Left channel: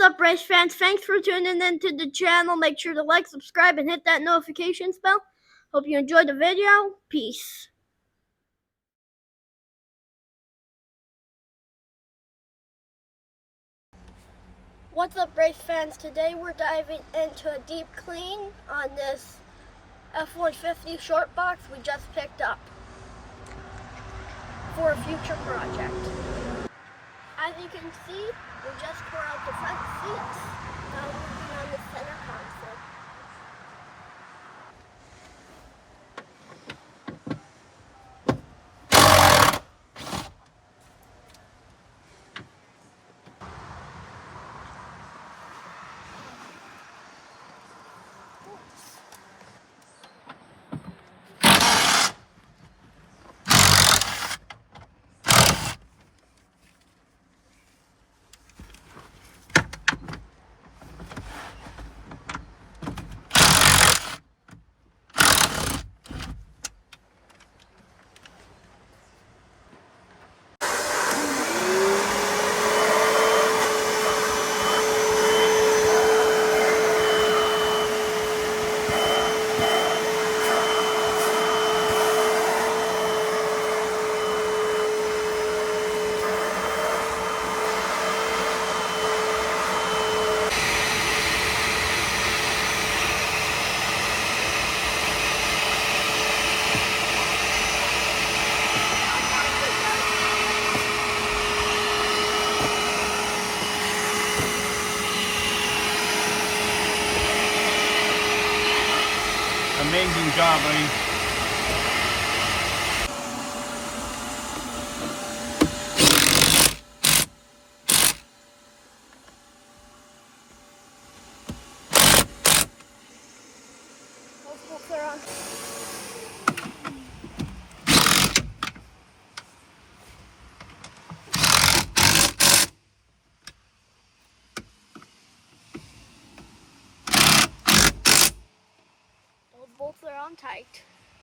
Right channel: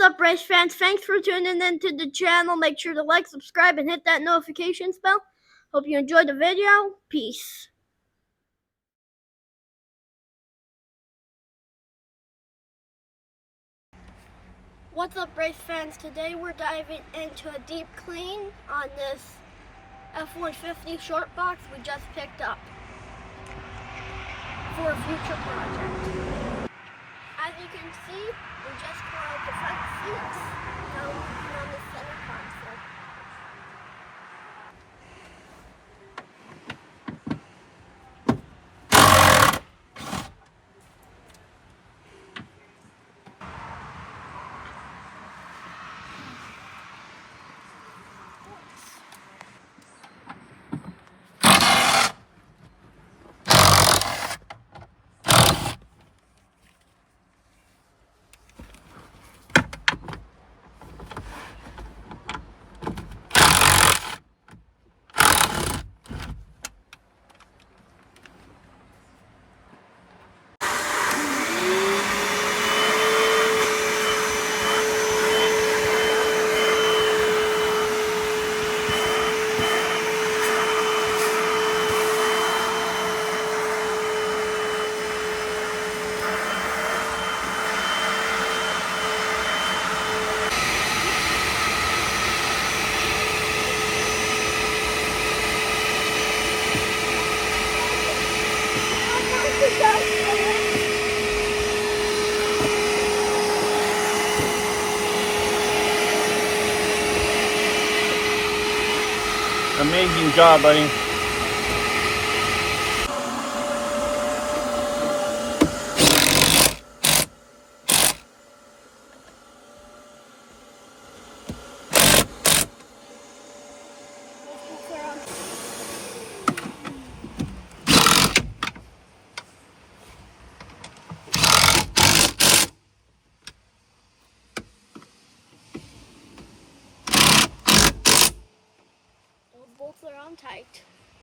What's up, race fans? Thanks for tuning in to the channel. Make sure to like, subscribe, and hit that notifications bell. Hope you enjoyed the video. Peace. What's up, race fans? Today we're diving into a deep clean on this F-150 short box we just picked up for a future project. As you can see, we just tore out the front seats on the center console. Amazing job, buddy. Those bolts are on tight.